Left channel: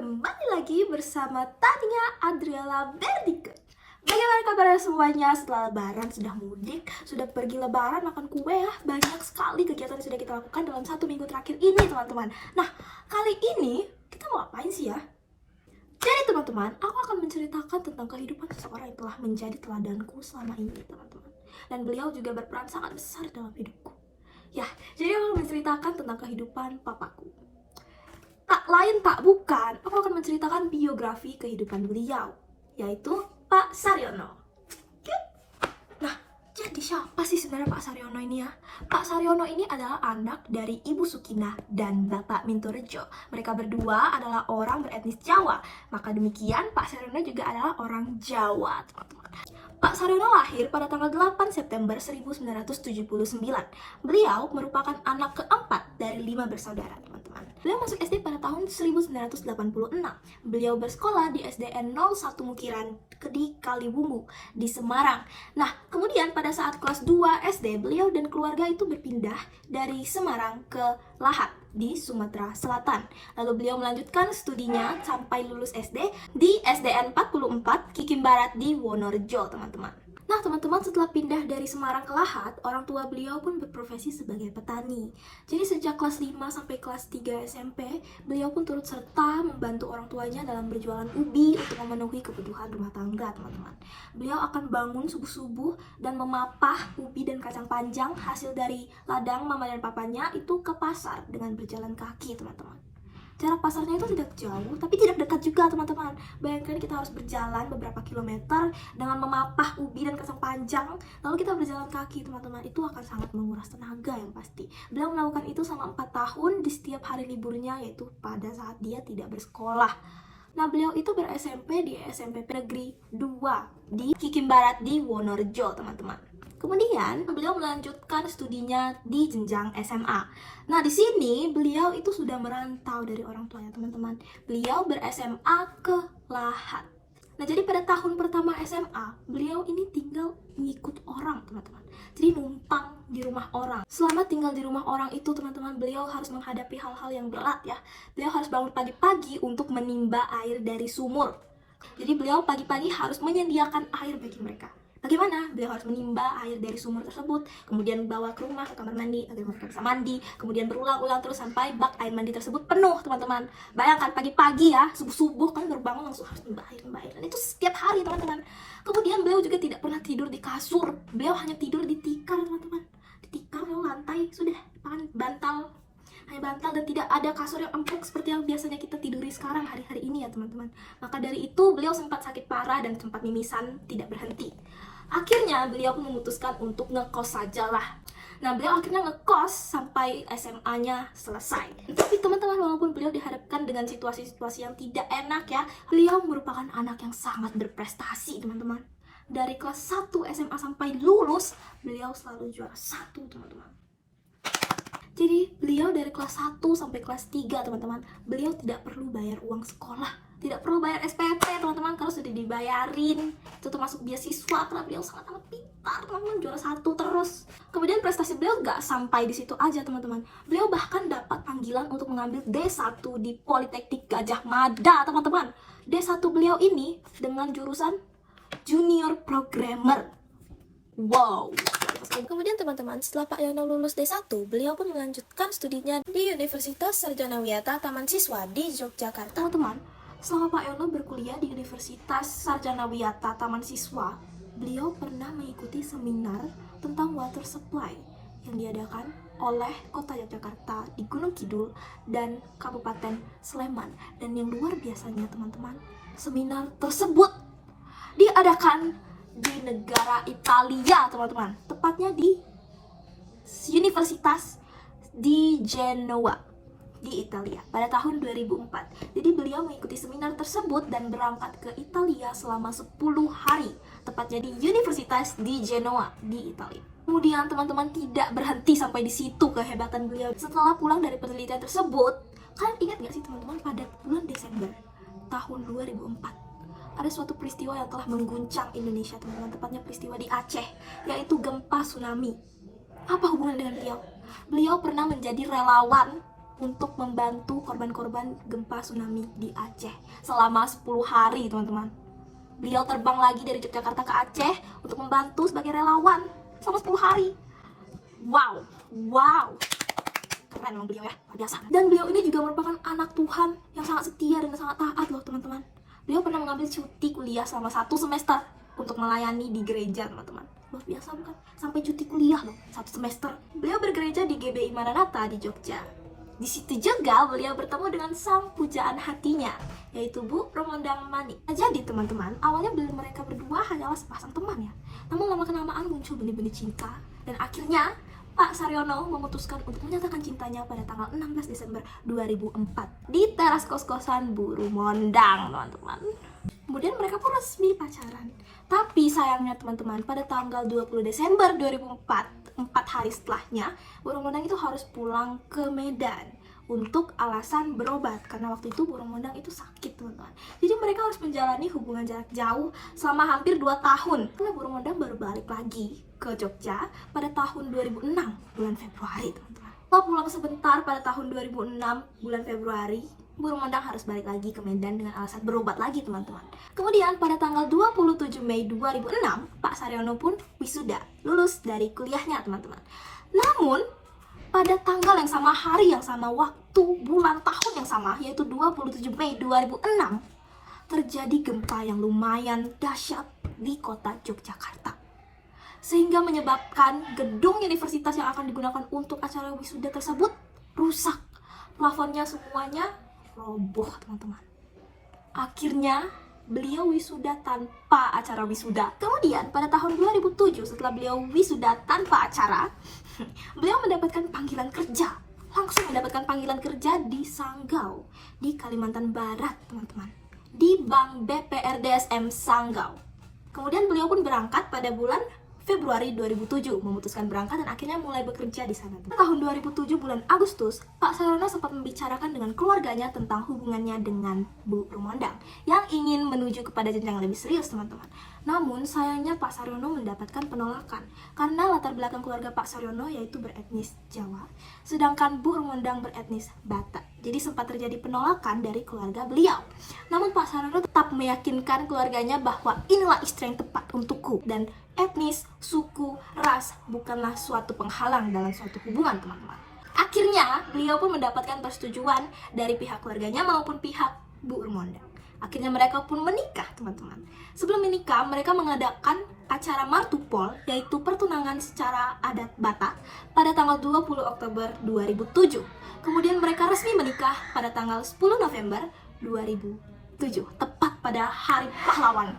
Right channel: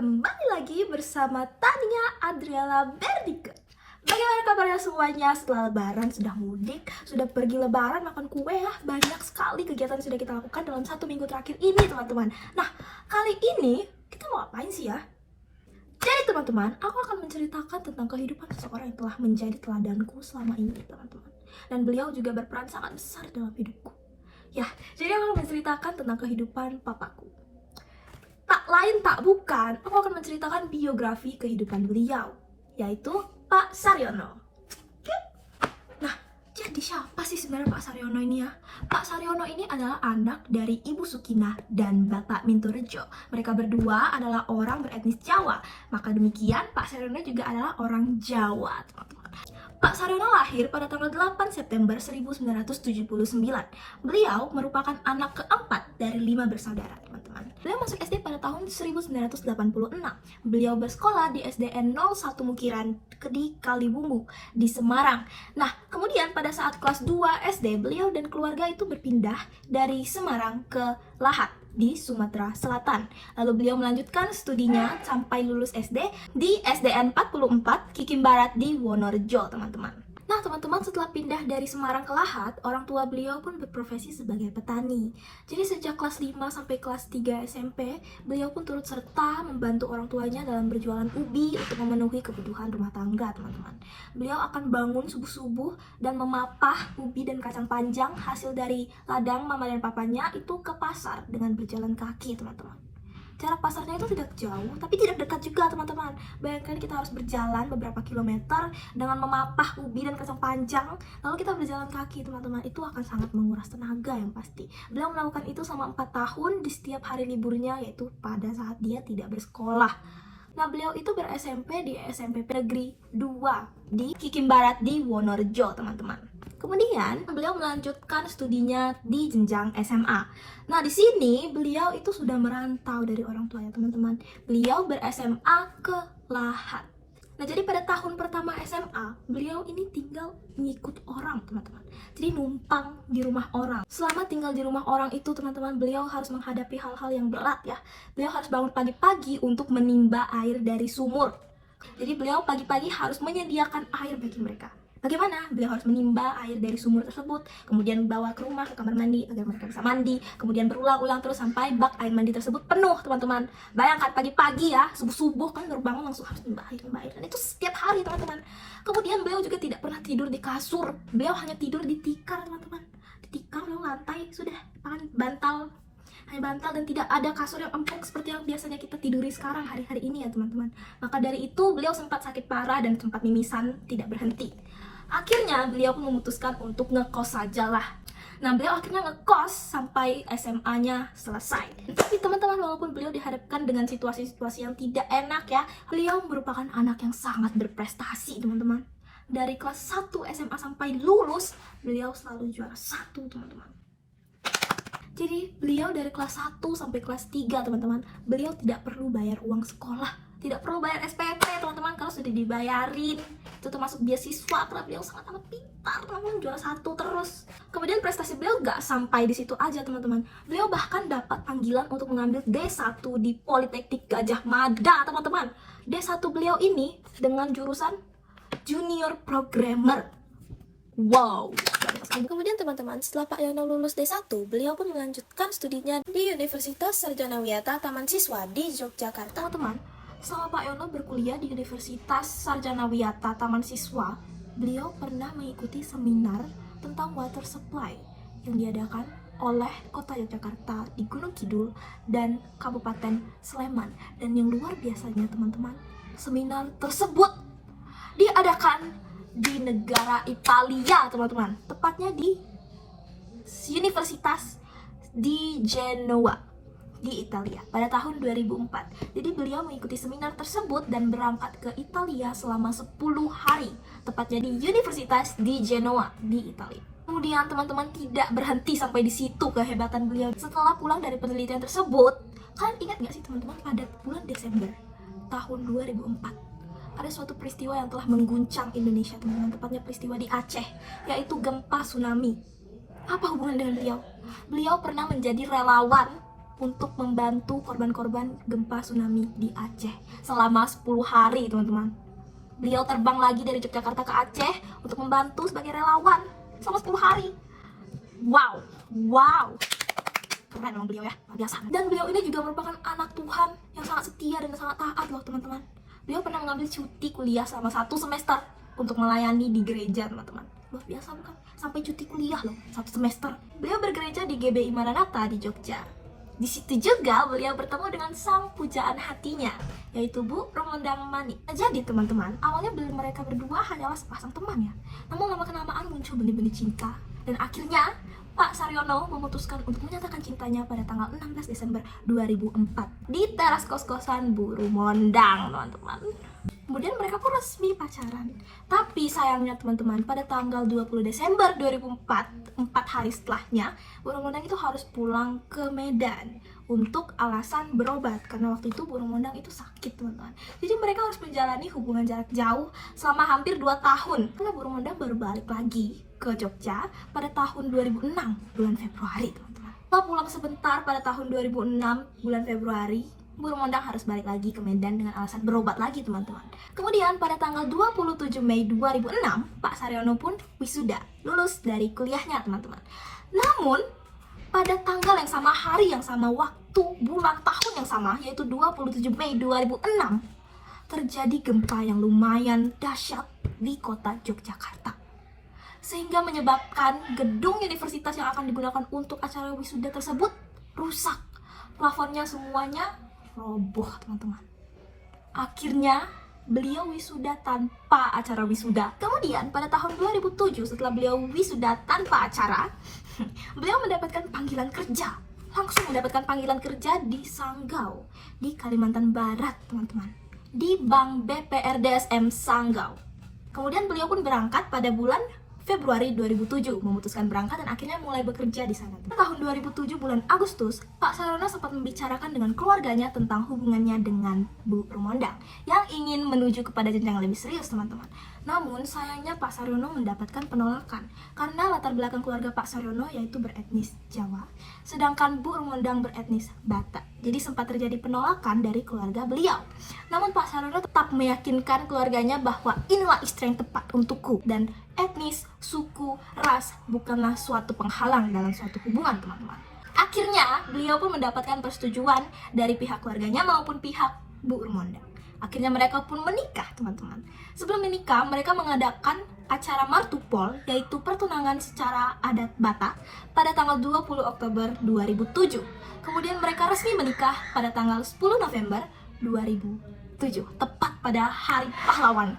Kembali lagi bersama Tania Adriela Berdike. Bagaimana kabar semuanya setelah lebaran? Sudah mudik, sudah pergi lebaran, makan kue ya. Banyak sekali kegiatan yang sudah kita lakukan dalam 1 minggu terakhir ini teman-teman. Nah, kali ini kita mau ngapain sih ya? Jadi teman-teman, aku akan menceritakan tentang kehidupan seseorang yang telah menjadi teladanku selama ini teman-teman. Dan beliau juga berperan sangat besar dalam hidupku. Ya, jadi aku akan menceritakan tentang kehidupan papaku. Tak lain tak bukan, aku akan menceritakan biografi kehidupan beliau, yaitu Pak Saryono. Nah, jadi siapa sih sebenarnya Pak Saryono ini ya? Pak Saryono ini adalah anak dari Ibu Sukinah dan Bapak Mintorejo. Mereka berdua adalah orang beretnis Jawa. Maka demikian, Pak Saryono juga adalah orang Jawa, teman-teman. Pak Saryono lahir pada tanggal 8 September 1979. Beliau merupakan anak keempat dari 5 bersaudara, teman-teman. Beliau masuk SD pada tahun 1986. Beliau bersekolah di SDN 01 Mukiran di Kaliwungu di Semarang. Nah, kemudian pada saat kelas 2 SD, beliau dan keluarga itu berpindah dari Semarang ke Lahat di Sumatera Selatan. Lalu beliau melanjutkan studinya sampai lulus SD di SDN 44 Kikim Barat di Wonorejo, teman-teman. Nah, teman-teman, setelah pindah dari Semarang ke Lahat, orang tua beliau pun berprofesi sebagai petani. Jadi sejak kelas 5 sampai kelas 3 SMP, beliau pun turut serta membantu orang tuanya dalam berjualan ubi untuk memenuhi kebutuhan rumah tangga, teman-teman. Beliau akan bangun subuh-subuh dan memapah ubi dan kacang panjang hasil dari ladang mama dan papanya itu ke pasar dengan berjalan kaki, teman-teman. Jarak pasarnya itu tidak jauh, tapi tidak dekat juga, teman-teman. Bayangkan kita harus berjalan beberapa kilometer dengan memapah ubi dan kacang panjang, lalu kita berjalan kaki, teman-teman. Itu akan sangat menguras tenaga yang pasti. Beliau melakukan itu selama 4 tahun di setiap hari liburnya, yaitu pada saat dia tidak bersekolah. Nah, beliau itu ber-SMP di SMP Negeri 2 di Kikim Barat di Wonorejo, teman-teman. Kemudian beliau melanjutkan studinya di jenjang SMA. Nah, di sini beliau itu sudah merantau dari orang tuanya, teman-teman. Beliau ber-SMA ke Lahat. Nah, jadi pada tahun pertama SMA, beliau ini tinggal mengikut orang, teman-teman. Jadi numpang di rumah orang. Selama tinggal di rumah orang itu, teman-teman, beliau harus menghadapi hal-hal yang berat ya. Beliau harus bangun pagi-pagi untuk menimba air dari sumur. Jadi beliau pagi-pagi harus menyediakan air bagi mereka. Bagaimana? Beliau harus menimba air dari sumur tersebut, kemudian bawa ke rumah, ke kamar mandi, agar mereka bisa mandi, kemudian berulang-ulang terus sampai bak air mandi tersebut penuh, teman-teman. Bayangkan pagi-pagi ya, subuh-subuh kan baru bangun langsung harus menimba air, dan itu setiap hari, teman-teman. Kemudian beliau juga tidak pernah tidur di kasur, beliau hanya tidur di tikar, teman-teman. Di tikar, lalu lantai, sudah, bantal, hanya bantal dan tidak ada kasur yang empuk seperti yang biasanya kita tiduri sekarang hari-hari ini ya, teman-teman. Maka dari itu beliau sempat sakit parah dan sempat mimisan tidak berhenti. Akhirnya beliau pun memutuskan untuk ngekos saja lah. Nah, beliau akhirnya ngekos sampai SMA-nya selesai. Tapi teman-teman, walaupun beliau dihadapkan dengan situasi-situasi yang tidak enak ya, beliau merupakan anak yang sangat berprestasi, teman-teman. Dari kelas 1 SMA sampai lulus, beliau selalu juara 1, teman-teman. Jadi beliau dari kelas 1 sampai kelas 3, teman-teman, beliau tidak perlu bayar uang sekolah, tidak perlu bayar SPP, teman-teman, kalau sudah dibayarin. Itu termasuk beasiswa, karena beliau sangat-sangat pintar, teman-teman, juara 1 terus. Kemudian prestasi beliau gak sampai di situ aja, teman-teman. Beliau bahkan dapat panggilan untuk mengambil D1 di Politeknik Gajah Mada, teman-teman. D1 beliau ini dengan jurusan Junior Programmer. Wow. Kemudian teman-teman, setelah Pak Yono lulus D1, beliau pun melanjutkan studinya di Universitas Sarjana Wiyata Taman Siswa di Yogyakarta. Teman-teman, selama Pak Yono berkuliah di Universitas Sarjana Wiyata Taman Siswa, beliau pernah mengikuti seminar tentang water supply yang diadakan oleh Kota Yogyakarta di Gunung Kidul dan Kabupaten Sleman. Dan yang luar biasanya, teman-teman, seminar tersebut diadakan di negara Italia, teman-teman, tepatnya di Universitas di Genoa di Italia pada tahun 2004. Jadi beliau mengikuti seminar tersebut dan berangkat ke Italia selama 10 hari, tepatnya di Universitas di Genoa di Italia. Kemudian teman-teman, tidak berhenti sampai di situ kehebatan beliau. Setelah pulang dari penelitian tersebut, kalian ingat gak sih, teman-teman, pada bulan Desember tahun 2004 ada suatu peristiwa yang telah mengguncang Indonesia, teman-teman, tepatnya peristiwa di Aceh, yaitu gempa tsunami. Apa hubungan dengan beliau? Beliau pernah menjadi relawan untuk membantu korban-korban gempa tsunami di Aceh selama 10 hari, teman-teman. Beliau terbang lagi dari Yogyakarta ke Aceh untuk membantu sebagai relawan selama 10 hari. Wow. Keren memang beliau ya, luar biasa. Dan beliau ini juga merupakan anak Tuhan yang sangat setia dan sangat taat loh, teman-teman. Beliau pernah mengambil cuti kuliah selama 1 semester untuk melayani di gereja, teman-teman. Luar biasa bukan? Sampai cuti kuliah loh, 1 semester. Beliau bergereja di GBI Maranatha di Jogja. Di situ juga beliau bertemu dengan sang pujaan hatinya, yaitu Bu Romondang Mani. Jadi teman-teman, awalnya mereka berdua hanyalah sepasang teman ya. Namun lama-kelamaan muncul benih-benih cinta. Dan akhirnya Pak Saryono memutuskan untuk menyatakan cintanya pada tanggal 16 Desember 2004 di teras kos-kosan Bu Romondang, teman-teman. Kemudian mereka pun resmi pacaran. Tapi sayangnya teman-teman, pada tanggal 20 Desember 2004, 4 hari setelahnya, Bu Romondang itu harus pulang ke Medan untuk alasan berobat. Karena waktu itu Bu Romondang itu sakit, teman-teman. Jadi mereka harus menjalani hubungan jarak jauh selama hampir 2 tahun. Karena Bu Romondang baru balik lagi ke Jogja pada tahun 2006, bulan Februari, teman-teman. Setelah pulang sebentar pada tahun 2006, bulan Februari, Bu Romondang harus balik lagi ke Medan dengan alasan berobat lagi, teman-teman. Kemudian pada tanggal 27 Mei 2006, Pak Saryono pun wisuda, lulus dari kuliahnya, teman-teman. Namun, pada tanggal yang sama, hari yang sama, waktu, bulan, tahun yang sama, yaitu 27 Mei 2006, terjadi gempa yang lumayan dahsyat di kota Yogyakarta. Sehingga menyebabkan gedung universitas yang akan digunakan untuk acara wisuda tersebut rusak. Plafonnya semuanya roboh, teman-teman. Akhirnya beliau wisuda tanpa acara wisuda. Kemudian pada tahun 2007, setelah beliau wisuda tanpa acara, beliau mendapatkan panggilan kerja. Langsung mendapatkan panggilan kerja di Sanggau, di Kalimantan Barat, teman-teman. Di Bank BPRDSM Sanggau. Kemudian beliau pun berangkat pada bulan Februari 2007, memutuskan berangkat dan akhirnya mulai bekerja di sana. Tahun 2007 bulan Agustus, Pak Saryono sempat membicarakan dengan keluarganya tentang hubungannya dengan Bu Romondang yang ingin menuju kepada jenjang lebih serius, teman-teman. Namun sayangnya Pak Saryono mendapatkan penolakan karena latar belakang keluarga Pak Saryono yaitu beretnis Jawa, sedangkan Bu Romondang beretnis Batak. Jadi sempat terjadi penolakan dari keluarga beliau. Namun Pak Saryono tetap meyakinkan keluarganya bahwa inilah istri yang tepat untukku dan etnis, suku, ras bukanlah suatu penghalang dalam suatu hubungan, teman-teman. Akhirnya beliau pun mendapatkan persetujuan dari pihak keluarganya maupun pihak Bu Romondang. Akhirnya mereka pun menikah, teman-teman. Sebelum menikah, mereka mengadakan acara martupol, yaitu pertunangan secara adat Batak, pada tanggal 20 Oktober 2007. Kemudian mereka resmi menikah pada tanggal 10 November 2007, tepat pada Hari Pahlawan.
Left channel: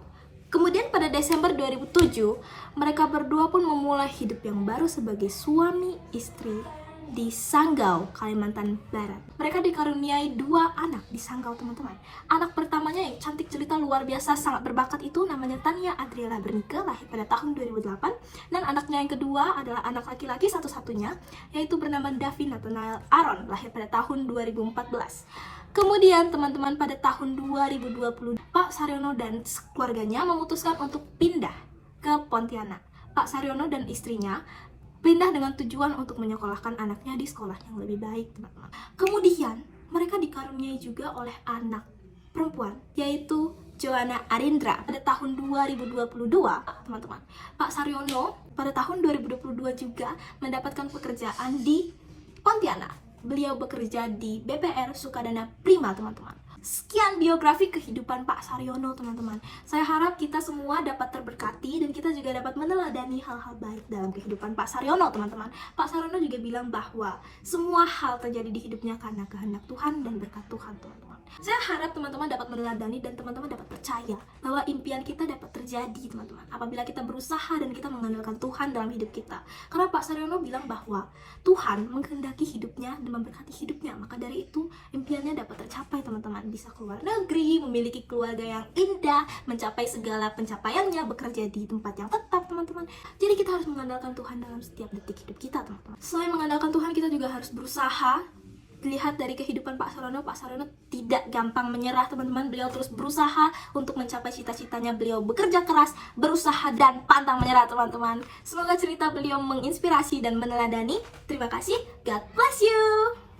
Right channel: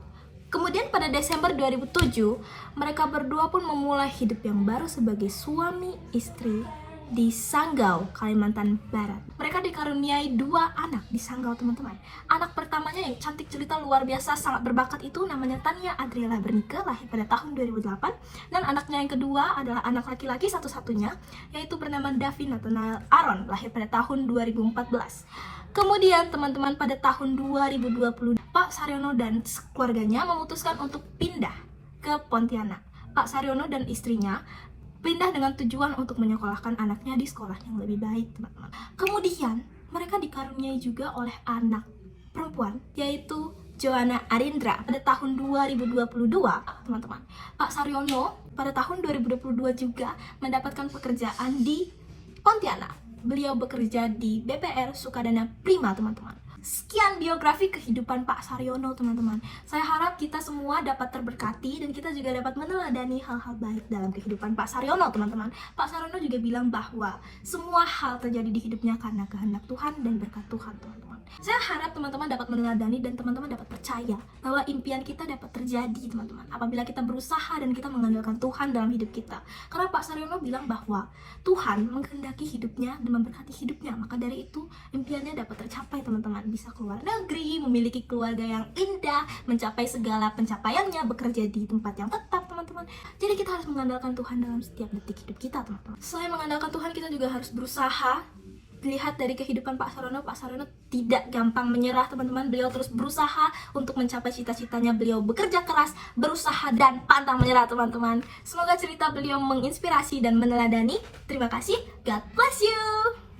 Kemudian pada Desember 2007, mereka berdua pun memulai hidup yang baru sebagai suami istri di Sanggau, Kalimantan Barat. Mereka dikaruniai 2 anak di Sanggau, teman-teman. Anak pertamanya yang cantik jelita luar biasa, sangat berbakat itu namanya Tania Adriela Bernike, lahir pada tahun 2008. Dan anaknya yang kedua adalah anak laki-laki satu-satunya, yaitu bernama Davi Nathanael Aaron, lahir pada tahun 2014. Kemudian teman-teman, pada tahun 2020, Pak Saryono dan keluarganya memutuskan untuk pindah ke Pontianak. Pak Saryono dan istrinya pindah dengan tujuan untuk menyekolahkan anaknya di sekolah yang lebih baik, teman-teman. Kemudian mereka dikaruniai juga oleh anak perempuan, yaitu Joanna Arindra pada tahun 2022, teman-teman. Pak Saryono pada tahun 2022 juga mendapatkan pekerjaan di Pontianak. Beliau bekerja di BPR Sukadana Prima, teman-teman. Sekian biografi kehidupan Pak Saryono, teman-teman. Saya harap kita semua dapat terberkati dan kita juga dapat meneladani hal-hal baik dalam kehidupan Pak Saryono, teman-teman. Pak Saryono juga bilang bahwa semua hal terjadi di hidupnya karena kehendak Tuhan dan berkat Tuhan, teman-teman. Saya harap teman-teman dapat meneladani dan teman-teman dapat percaya bahwa impian kita dapat terjadi, teman-teman, apabila kita berusaha dan kita mengandalkan Tuhan dalam hidup kita. Karena Pak Saryono bilang bahwa Tuhan menghendaki hidupnya dan memberkati hidupnya, maka dari itu impiannya dapat tercapai, teman-teman. Bisa keluar negeri, memiliki keluarga yang indah, mencapai segala pencapaiannya, bekerja di tempat yang tetap, teman-teman. Jadi kita harus mengandalkan Tuhan dalam setiap detik hidup kita, teman-teman. Selain mengandalkan Tuhan, kita juga harus berusaha. Lihat dari kehidupan Pak Saryono tidak gampang menyerah, teman-teman. Beliau terus berusaha untuk mencapai cita-citanya. Beliau bekerja keras, berusaha, dan pantang menyerah, teman-teman. Semoga cerita beliau menginspirasi dan meneladani. Terima kasih, God bless you.